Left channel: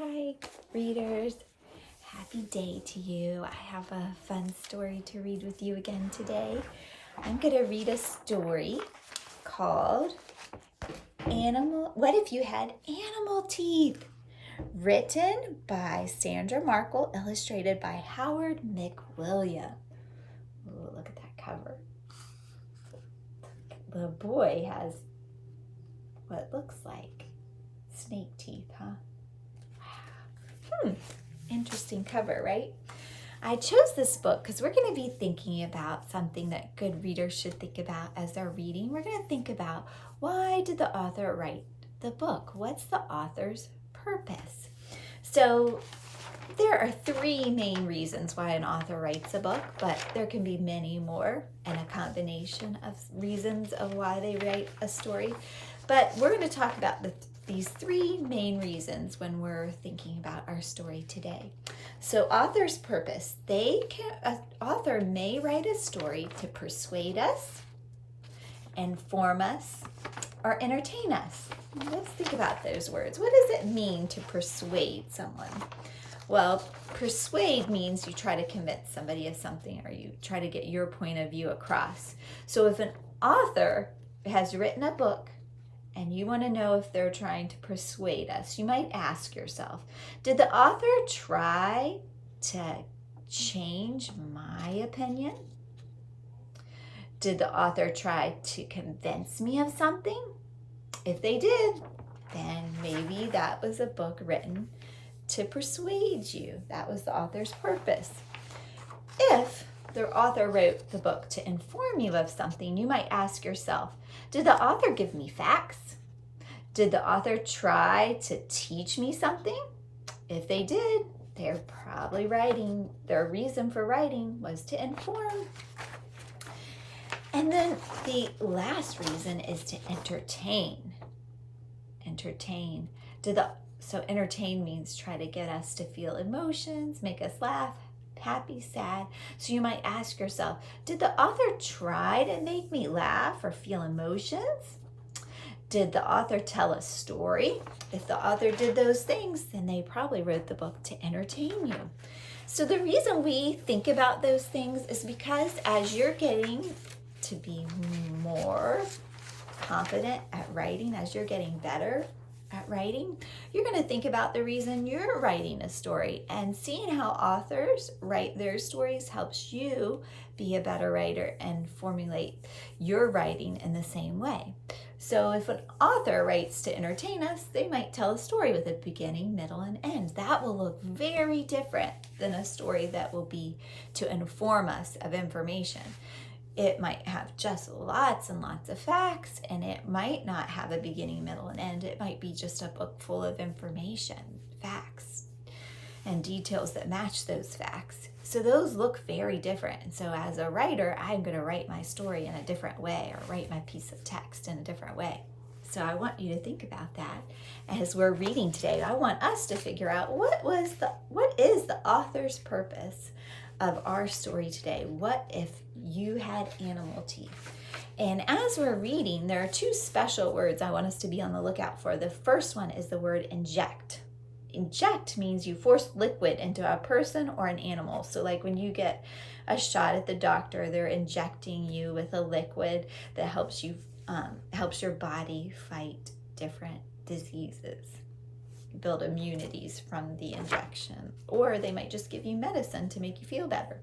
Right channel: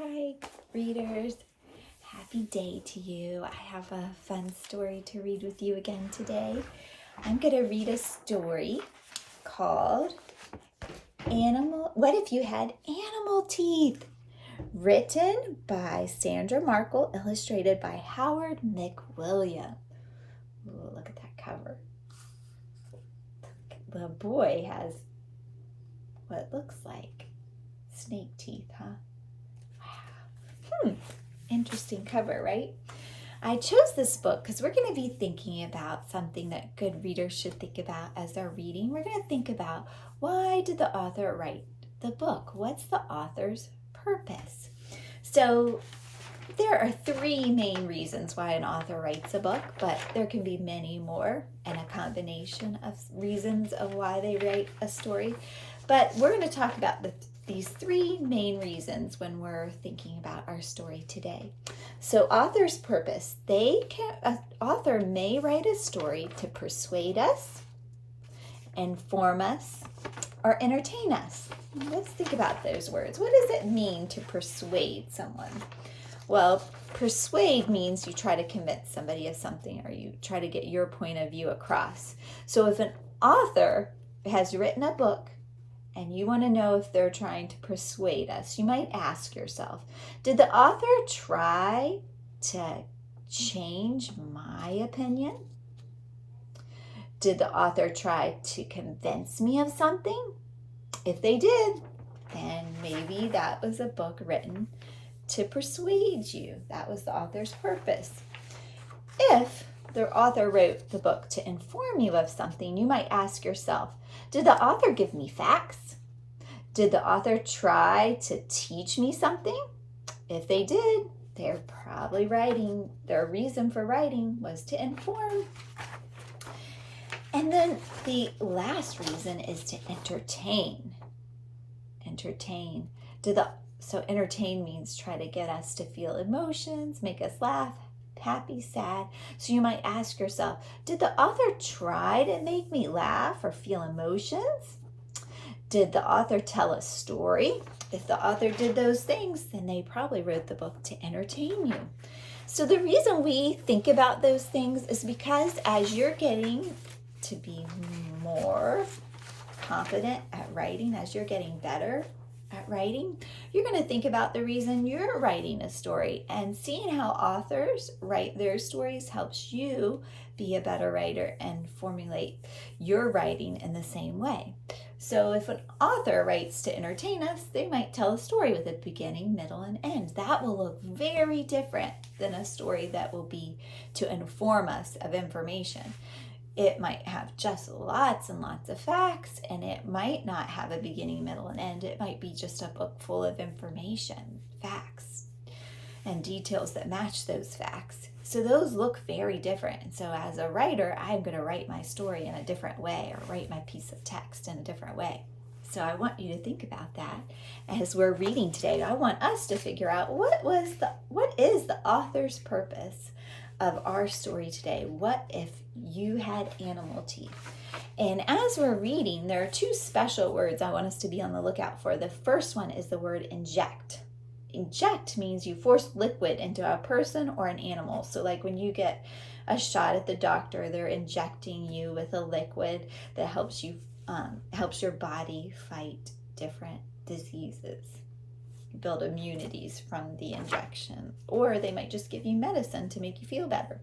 Hi, readers. Happy day to you. I have a fun story to read with you again today. I'm going to read a story called What If You Had Animal Teeth? Written by Sandra Markle, illustrated by Howard McWilliam. Ooh, look at that cover. The boy has what looks like snake teeth, huh? Interesting cover, right? I chose this book because we're going to be thinking about something that good readers should think about as they're reading. We're going to think about, why did the author write the book? What's the author's purpose? So there are three main reasons why an author writes a book, but there can be many more and a combination of reasons of why they write a story. But we're going to talk about these three main reasons when we're thinking about our story today. So author's purpose. An author may write a story to persuade us, inform us, or entertain us. Let's think about those words. What does it mean to persuade someone? Well, persuade means you try to convince somebody of something, or you try to get your point of view across. So if an author has written a book and you want to know if they're trying to persuade us, you might ask yourself, did the author try to change my opinion? Did the author try to convince me of something? If they did, then maybe that was a book written to persuade you. That was the author's purpose. If the author wrote the book to inform you of something, you might ask yourself, did the author give me facts? Did the author try to teach me something? If they did, they're probably writing, their reason for writing was to inform. And then the last reason is to entertain. Entertain. So entertain means try to get us to feel emotions, make us laugh, happy, sad. So you might ask yourself, did the author try to make me laugh or feel emotions? Did the author tell a story? If the author did those things, then they probably wrote the book to entertain you. So the reason we think about those things is because as you're getting to be more confident at writing, as you're getting better at writing, you're going to think about the reason you're writing a story, and seeing how authors write their stories helps you be a better writer and formulate your writing in the same way. So if an author writes to entertain us, they might tell a story with a beginning, middle, and end. That will look very different than a story that will be to inform us of information. It might have just lots and lots of facts, and it might not have a beginning, middle, and end. It might be just a book full of information, facts, and details that match those facts. So those look very different. And so as a writer, I'm going to write my story in a different way, or write my piece of text in a different way. So I want you to think about that as we're reading today. I want us to figure out what is the author's purpose of our story today. What if you had animal teeth? And as we're reading, there are two special words I want us to be on the lookout for. The first one is the word inject. Inject means you force liquid into a person or an animal. So like when you get a shot at the doctor, they're injecting you with a liquid that helps your body fight different diseases, build immunities from the injection, or they might just give you medicine to make you feel better.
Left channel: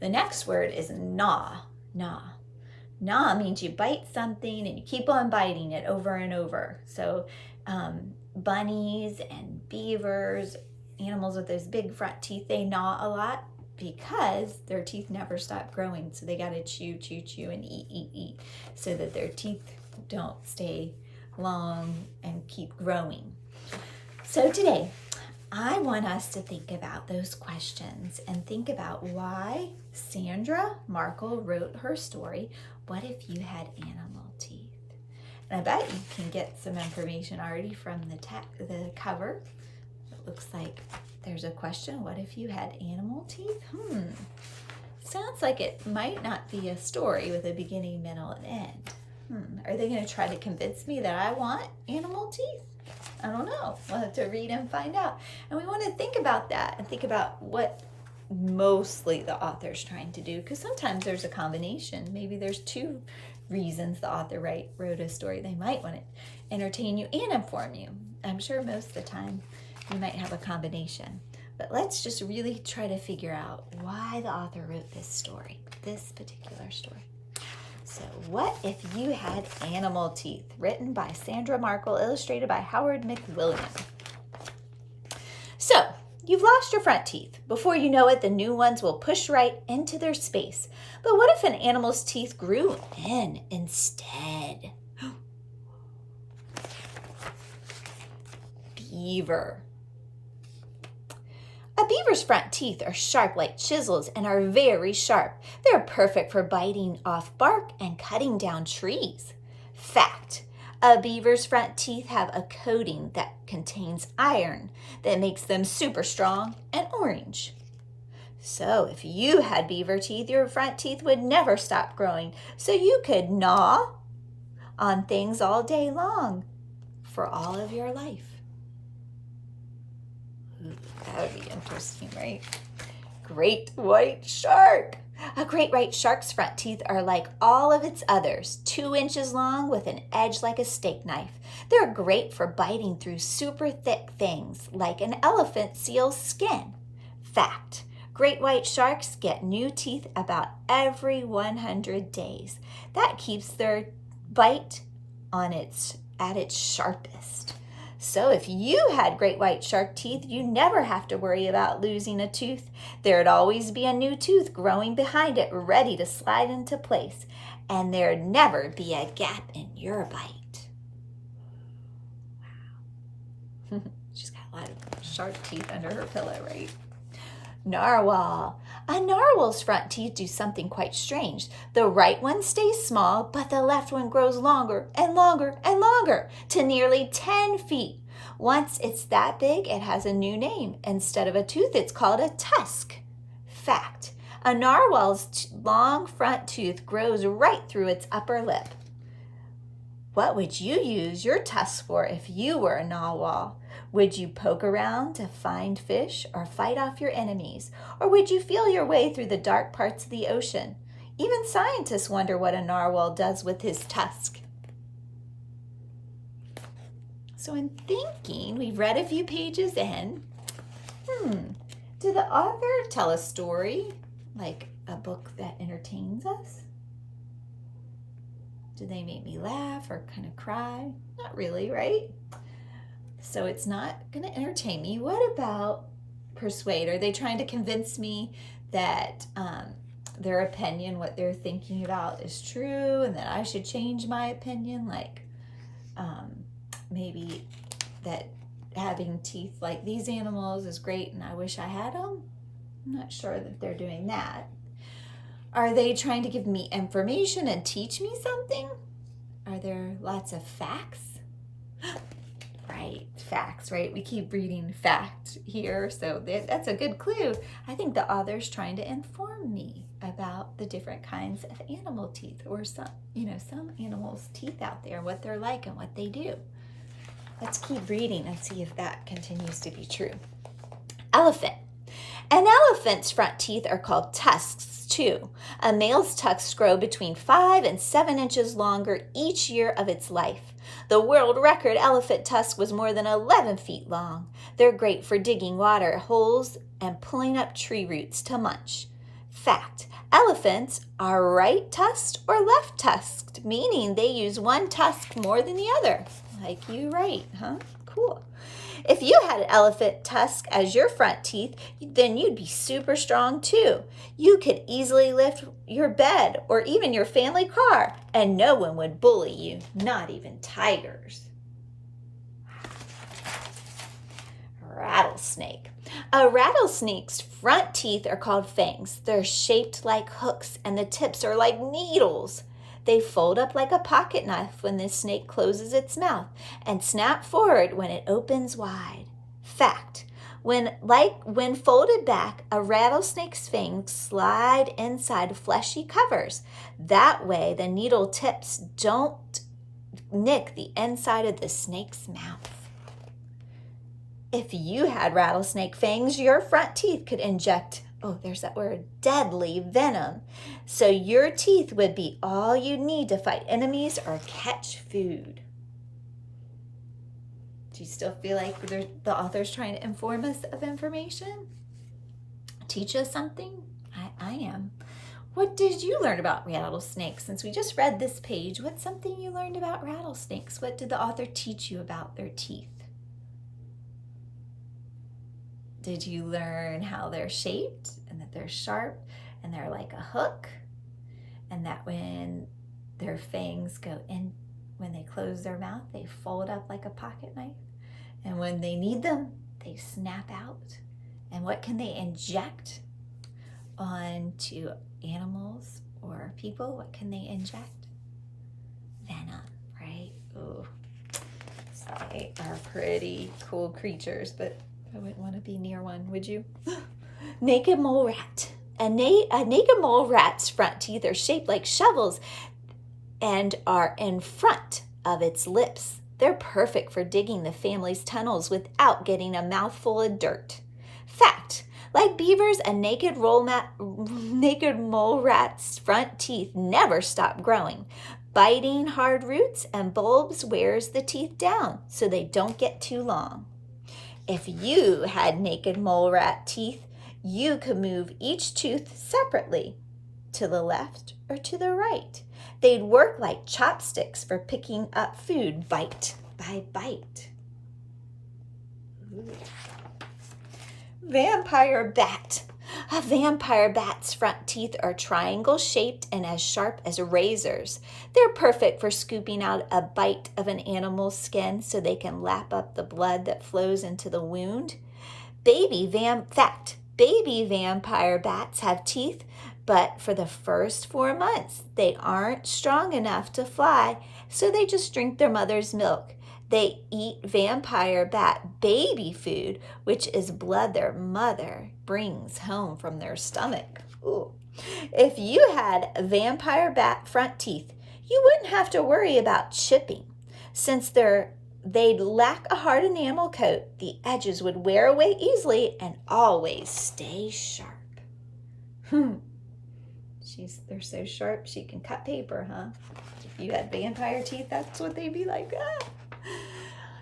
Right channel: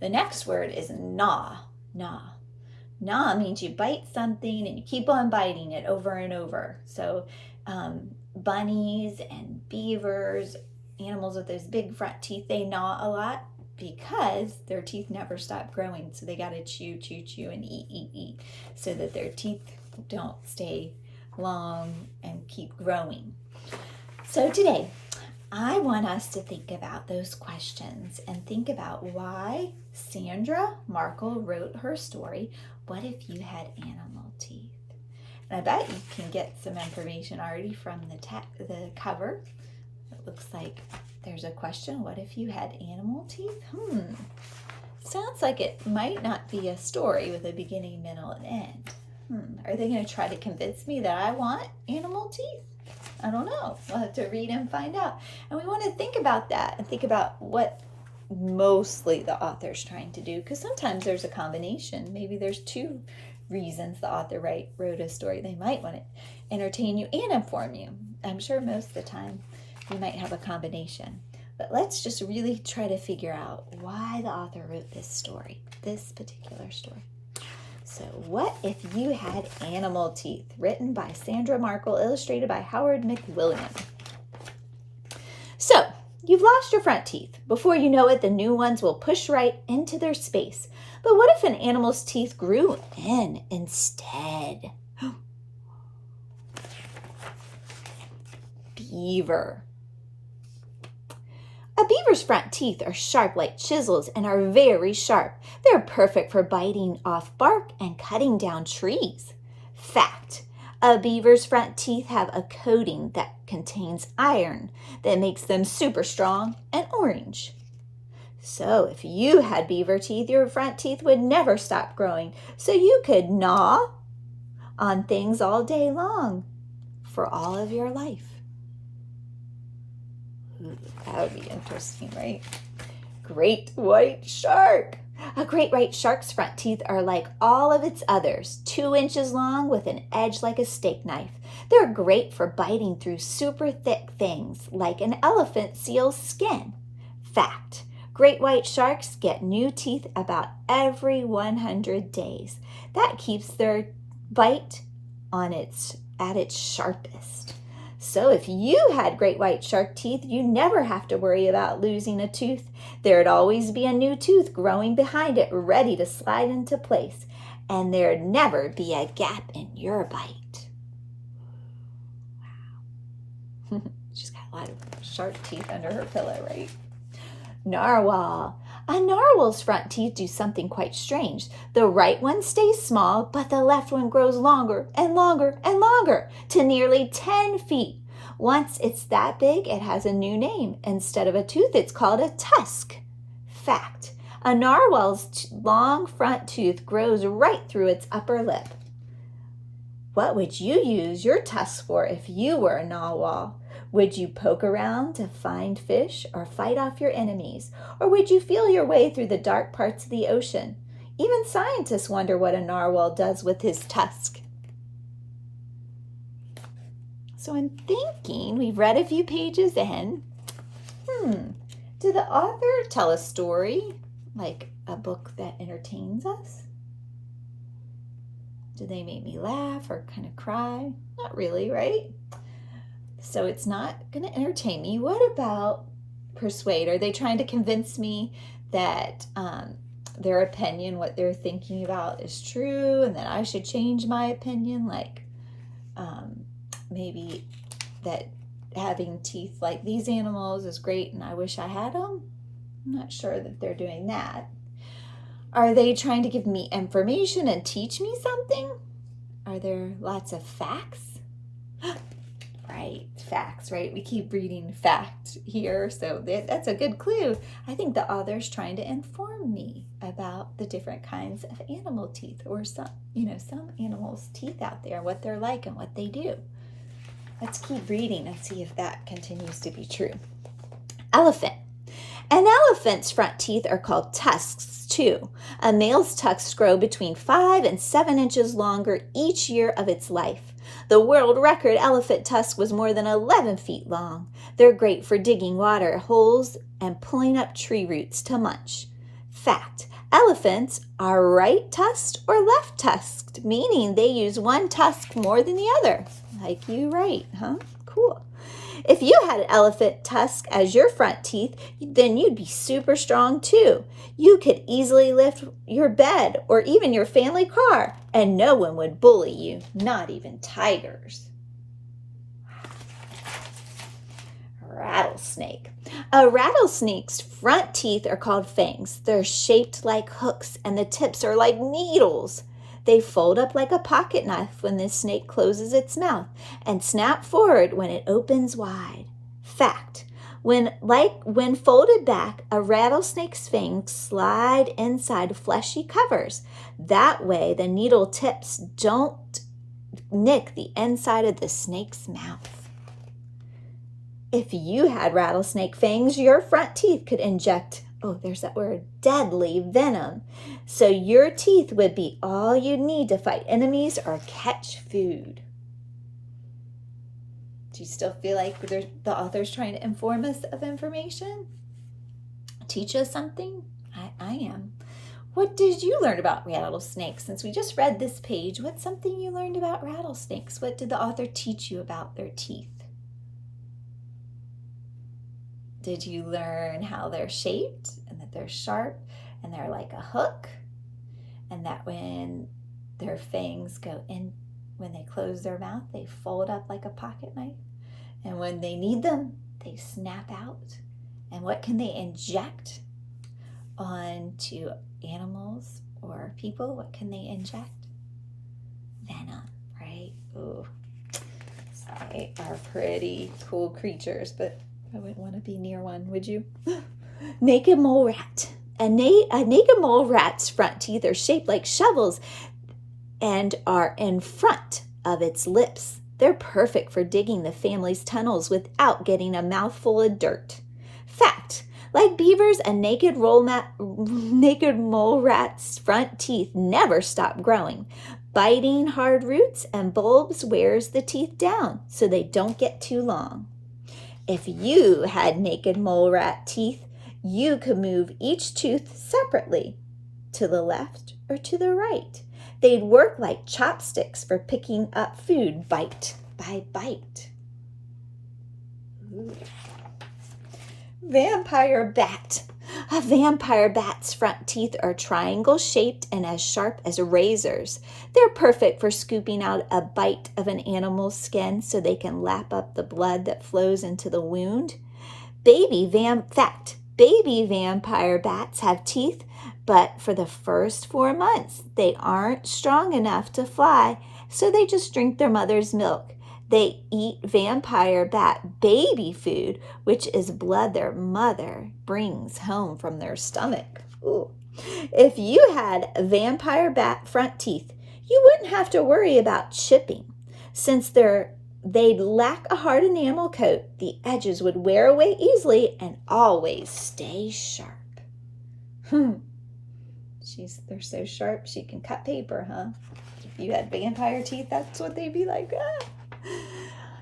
The next word is gnaw. Gnaw means you bite something and you keep on biting it over and over. So bunnies and beavers, animals with those big front teeth, they gnaw a lot because their teeth never stop growing. So they got to chew and eat so that their teeth don't stay long and keep growing. So today, I want us to think about those questions and think about why Sandra Markle wrote her story, What If You Had Animal Teeth? And I bet you can get some information already from the cover. It looks like there's a question, what if you had animal teeth? Sounds like it might not be a story with a beginning, middle, and end. Are they going to try to convince me that I want animal teeth? I don't know. We'll have to read and find out. And we want to think about that and think about what mostly the author's trying to do, because sometimes there's a combination. Maybe there's two reasons the author wrote a story. They might want to entertain you and inform you. I'm sure most of the time you might have a combination. But let's just really try to figure out why the author wrote this story, this particular story. So, What If You Had Animal Teeth? Written by Sandra, Markle, illustrated by Howard McWilliam. So, you've lost your front teeth. Before you know it, the new ones will push right into their space. But what if an animal's teeth grew in instead? Beaver. A beaver's front teeth are sharp like chisels and are very sharp. They're perfect for biting off bark and cutting down trees. Fact: a beaver's front teeth have a coating that contains iron that makes them super strong and orange. So if you had beaver teeth, your front teeth would never stop growing, so you could gnaw on things all day long for all of your life. That would be interesting, right? Great white shark. A great white shark's front teeth are like all of its others, 2 inches long with an edge like a steak knife. They're great for biting through super thick things like an elephant seal's skin. Fact: great white sharks get new teeth about every 100 days. That keeps their bite at its sharpest. So if you had great white shark teeth, you never have to worry about losing a tooth. There'd always be a new tooth growing behind it, ready to slide into place. And there'd never be a gap in your bite. Wow. She's got a lot of shark teeth under her pillow, right? Narwhal. A narwhal's front teeth do something quite strange. The right one stays small, but the left one grows longer and longer and longer to nearly 10 feet. Once it's that big, it has a new name. Instead of a tooth, it's called a tusk. Fact: a narwhal's long front tooth grows right through its upper lip. What would you use your tusk for if you were a narwhal? Would you poke around to find fish or fight off your enemies? Or would you feel your way through the dark parts of the ocean? Even scientists wonder what a narwhal does with his tusk. So I'm thinking, we've read a few pages in. Did the author tell a story, like a book that entertains us? Do they make me laugh or kind of cry? Not really, right? So it's not going to entertain me. What about persuade? Are they trying to convince me that their opinion, what they're thinking about, is true and that I should change my opinion? Like maybe that having teeth like these animals is great and I wish I had them? I'm not sure that they're doing that. Are they trying to give me information and teach me something? Are there lots of facts? Right, facts, right? We keep reading fact here, so that's a good clue. I think the author's trying to inform me about the different kinds of animal teeth, or some animals' teeth out there, what they're like and what they do. Let's keep reading and see if that continues to be true. Elephant. An elephant's front teeth are called tusks too. A male's tusks grow between 5 and 7 inches longer each year of its life. The world record elephant tusk was more than 11 feet long. They're great for digging water holes and pulling up tree roots to munch. Fact: elephants are right-tusked or left-tusked, meaning they use one tusk more than the other. Like you, right, huh? Cool. If you had an elephant tusk as your front teeth, then you'd be super strong too. You could easily lift your bed or even your family car, and no one would bully you, not even tigers. Rattlesnake. A rattlesnake's front teeth are called fangs. They're shaped like hooks, and the tips are like needles. They fold up like a pocket knife when the snake closes its mouth and snap forward when it opens wide. Fact: when folded back, a rattlesnake's fangs slide inside fleshy covers. That way, the needle tips don't nick the inside of the snake's mouth. If you had rattlesnake fangs, your front teeth could inject, oh, there's that word, deadly venom. So your teeth would be all you need to fight enemies or catch food. Do you still feel like the author's trying to inform us of information? Teach us something? I am. What did you learn about rattlesnakes? Since we just read this page, what's something you learned about rattlesnakes? What did the author teach you about their teeth? Did you learn how they're shaped and that they're sharp and they're like a hook? And that when their fangs go in, when they close their mouth, they fold up like a pocket knife. And when they need them, they snap out. And what can they inject onto animals or people? What can they inject? Venom, right? Ooh. So they are pretty cool creatures, but I wouldn't want to be near one, would you? Naked mole rat. A naked mole rat's front teeth are shaped like shovels and are in front of its lips. They're perfect for digging the family's tunnels without getting a mouthful of dirt. Fact, like beavers, a naked mole rat's front teeth never stop growing. Biting hard roots and bulbs wears the teeth down so they don't get too long. If you had naked mole rat teeth, you could move each tooth separately, to the left or to the right. They'd work like chopsticks for picking up food bite by bite. Ooh. Vampire bat. A vampire bat's front teeth are triangle-shaped and as sharp as razors. They're perfect for scooping out a bite of an animal's skin so they can lap up the blood that flows into the wound. Baby vampire bats have teeth, but for the first 4 months, they aren't strong enough to fly, so they just drink their mother's milk. They eat vampire bat baby food, which is blood their mother brings home from their stomach. Ooh. If you had vampire bat front teeth, you wouldn't have to worry about chipping. Since they'd lack a hard enamel coat, the edges would wear away easily and always stay sharp. They're so sharp she can cut paper, huh? If you had vampire teeth, that's what they'd be like. Ah.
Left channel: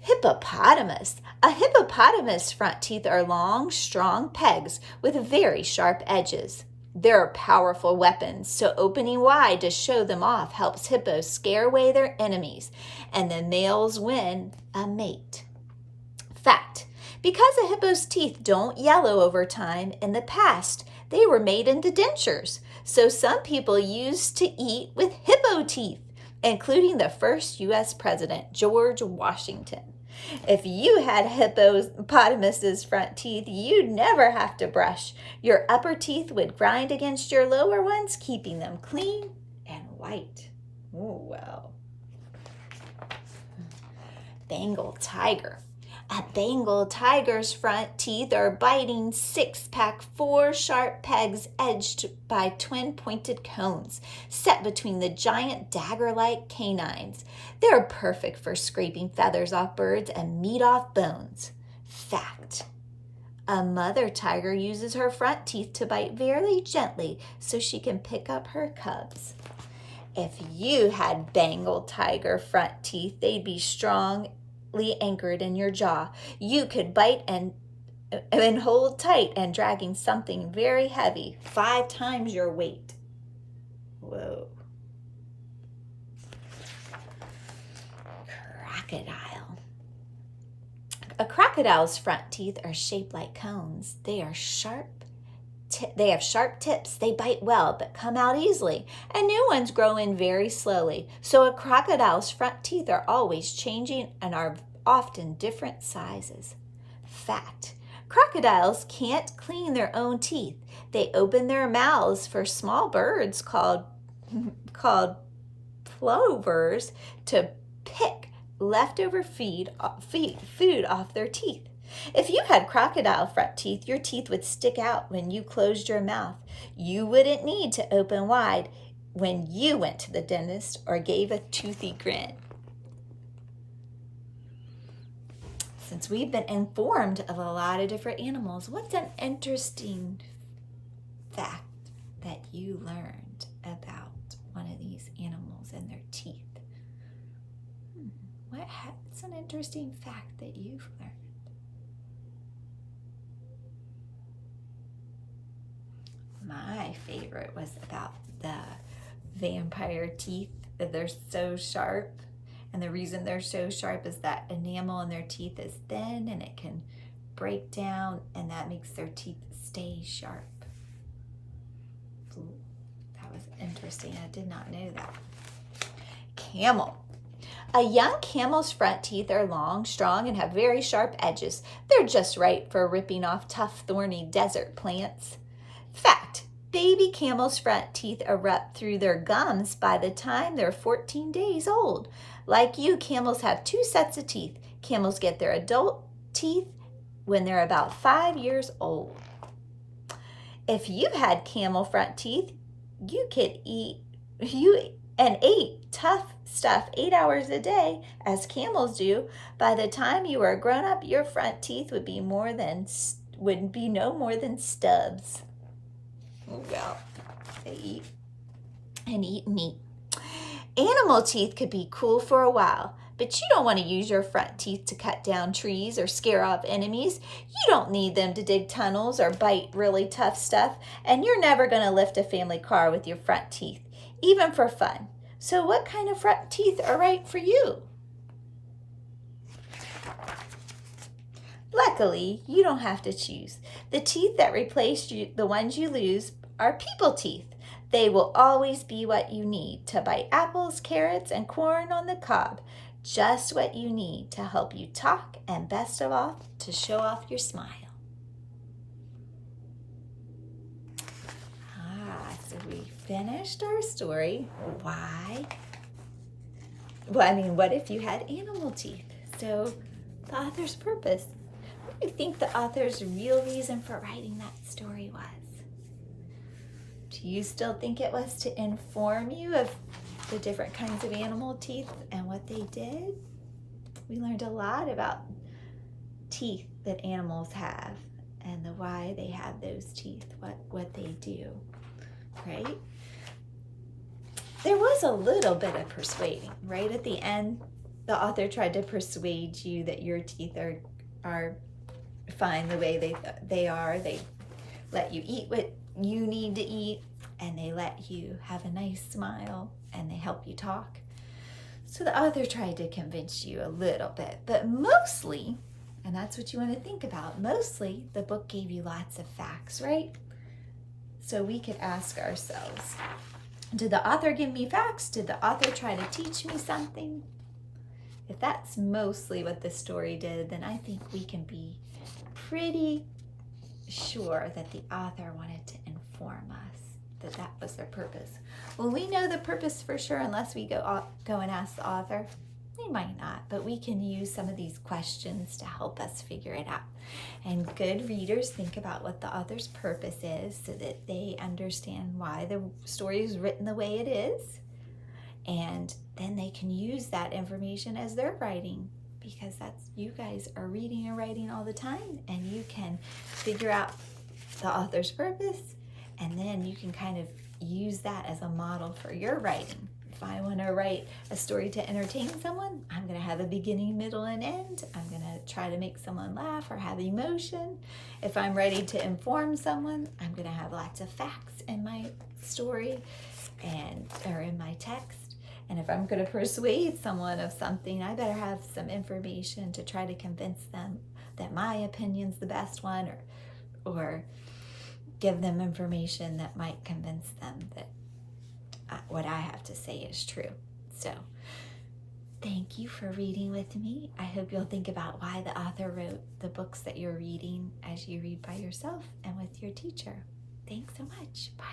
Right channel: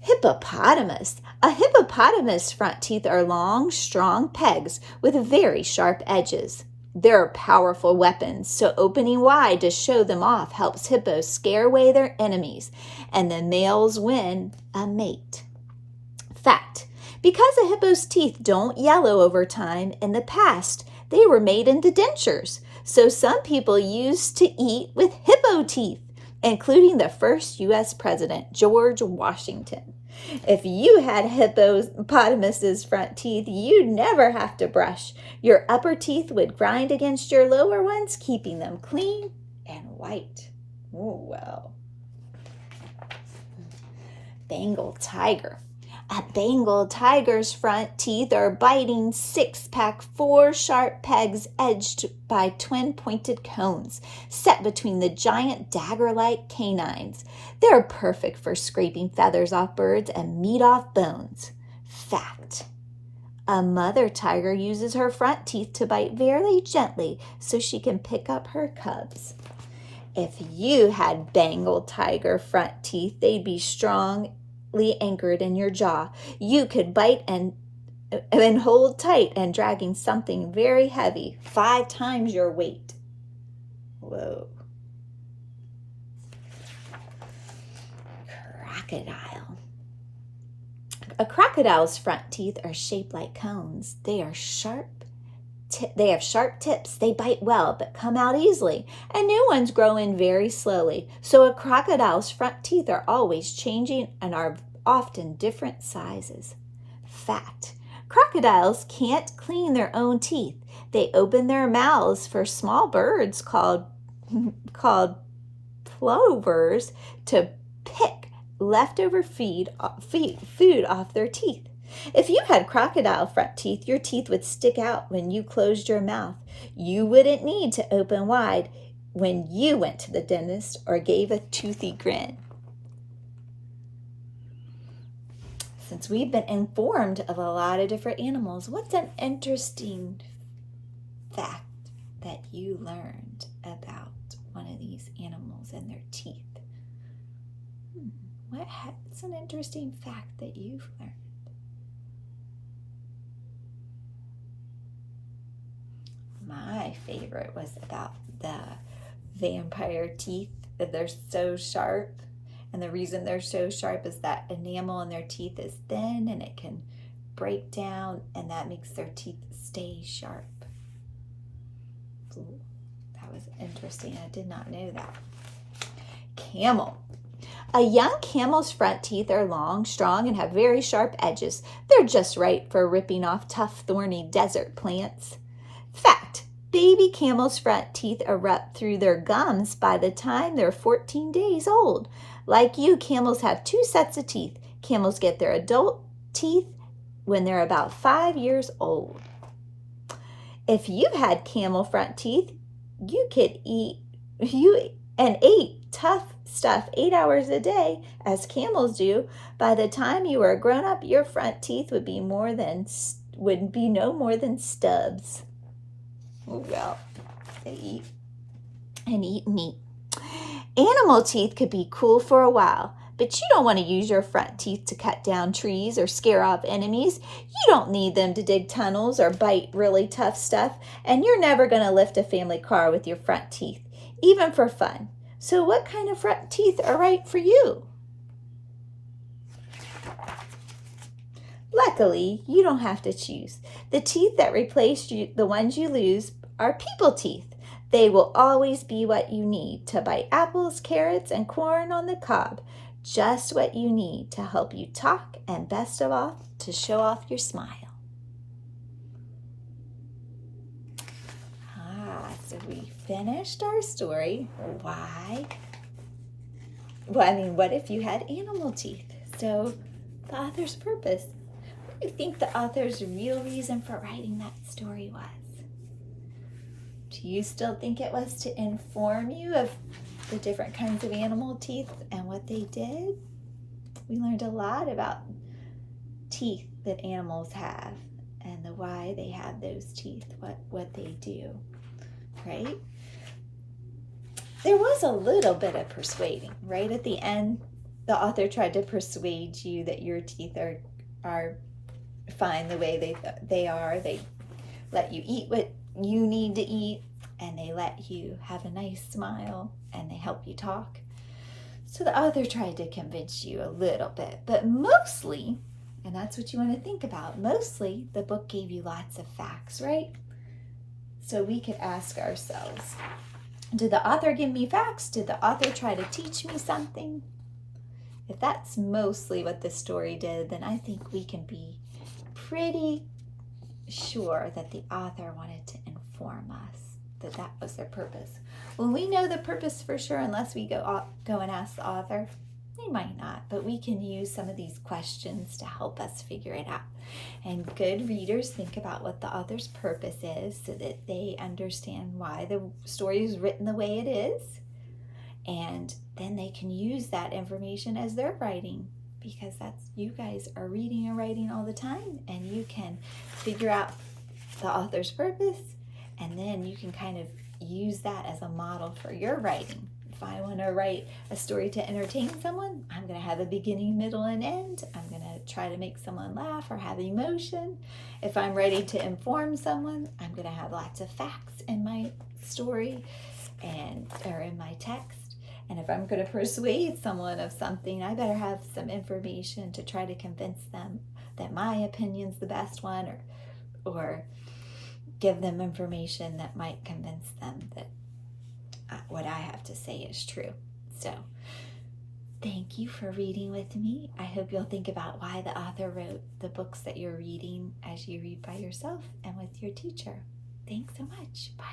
Hippopotamus. A hippopotamus' front teeth are long, strong pegs with very sharp edges. They're powerful weapons, so opening wide to show them off helps hippos scare away their enemies, and the males win a mate. Fact, because a hippo's teeth don't yellow over time, in the past, they were made into dentures, so some people used to eat with hippo teeth, including the first U.S. President, George Washington. If you had hippopotamus's front teeth, you'd never have to brush. Your upper teeth would grind against your lower ones, keeping them clean and white. Oh, wow. Bengal Tiger. A Bengal tiger's front teeth are biting six-pack, 4 sharp pegs edged by twin-pointed cones set between the giant dagger-like canines. They're perfect for scraping feathers off birds and meat off bones. Fact. A mother tiger uses her front teeth to bite very gently so she can pick up her cubs. If you had Bengal tiger front teeth, they'd be strongly anchored in your jaw. You could bite and hold tight and dragging something very heavy, 5 times your weight. Whoa. Crocodile. A crocodile's front teeth are shaped like cones. They are sharp. They have sharp tips. They bite well, but come out easily, and new ones grow in very slowly. So a crocodile's front teeth are always changing and are often different sizes. Fact. Crocodiles can't clean their own teeth. They open their mouths for small birds called plovers to pick leftover food off their teeth. If you had crocodile front teeth, your teeth would stick out when you closed your mouth. You wouldn't need to open wide when you went to the dentist or gave a toothy grin. since we've been informed of a lot of different animals, what's an interesting fact that you learned about one of these animals and their teeth? What's an interesting fact that you've learned? My favorite was about the vampire teeth. They're so sharp, and the reason they're so sharp is that enamel in their teeth is thin and it can break down, and that makes their teeth stay sharp. Ooh, that was interesting. I did not know that. Camel. A young camel's front teeth are long, strong, and have very sharp edges. They're just right for ripping off tough, thorny desert plants. Fact, baby camels' front teeth erupt through their gums by the time they're 14 days old. Like you, camels have 2 sets of teeth. Camels get their adult teeth when they're about 5 years old. If you had camel front teeth, you could ate tough stuff 8 hours a day, as camels do. By the time you were grown up, your front teeth would be no more than stubs. Oh, yeah, they eat and eat meat. Animal teeth could be cool for a while, but you don't want to use your front teeth to cut down trees or scare off enemies. You don't need them to dig tunnels or bite really tough stuff, and you're never going to lift a family car with your front teeth, even for fun. So what kind of front teeth are right for you? Luckily, you don't have to choose. The teeth that replace the ones you lose are people teeth. They will always be what you need to bite apples, carrots, and corn on the cob. Just what you need to help you talk, and best of all, to show off your smile. So we finished our story. Why? Well, I mean, what if you had animal teeth? So the author's purpose. What do you think the author's real reason for writing that story was? Do you still think it was to inform you of the different kinds of animal teeth and what they did? We learned a lot about teeth that animals have and the why they have those teeth, what they do, right? There was a little bit of persuading, right? At the end, the author tried to persuade you that your teeth are fine the way they are. They let you eat what you need to eat, and they let you have a nice smile, and they help you talk. So the author tried to convince you a little bit, but mostly, and that's what you want to think about, mostly the book gave you lots of facts, right? So we could ask ourselves, did the author give me facts? Did the author try to teach me something? If that's mostly what the story did, then I think we can be pretty sure that the author wanted to inform us, that was their purpose. Well, we know the purpose for sure unless we go and ask the author. We might not, but we can use some of these questions to help us figure it out. And good readers think about what the author's purpose is so that they understand why the story is written the way it is. And then they can use that information as they're writing, because you guys are reading and writing all the time, and you can figure out the author's purpose, and then you can kind of use that as a model for your writing. If I want to write a story to entertain someone, I'm going to have a beginning, middle, and end. I'm going to try to make someone laugh or have emotion. If I'm ready to inform someone, I'm going to have lots of facts in my story or in my text. And if I'm going to persuade someone of something, I better have some information to try to convince them that my opinion's the best one, or give them information that might convince them that what I have to say is true. So thank you for reading with me. I hope you'll think about why the author wrote the books that you're reading as you read by yourself and with your teacher. Thanks so much. Bye.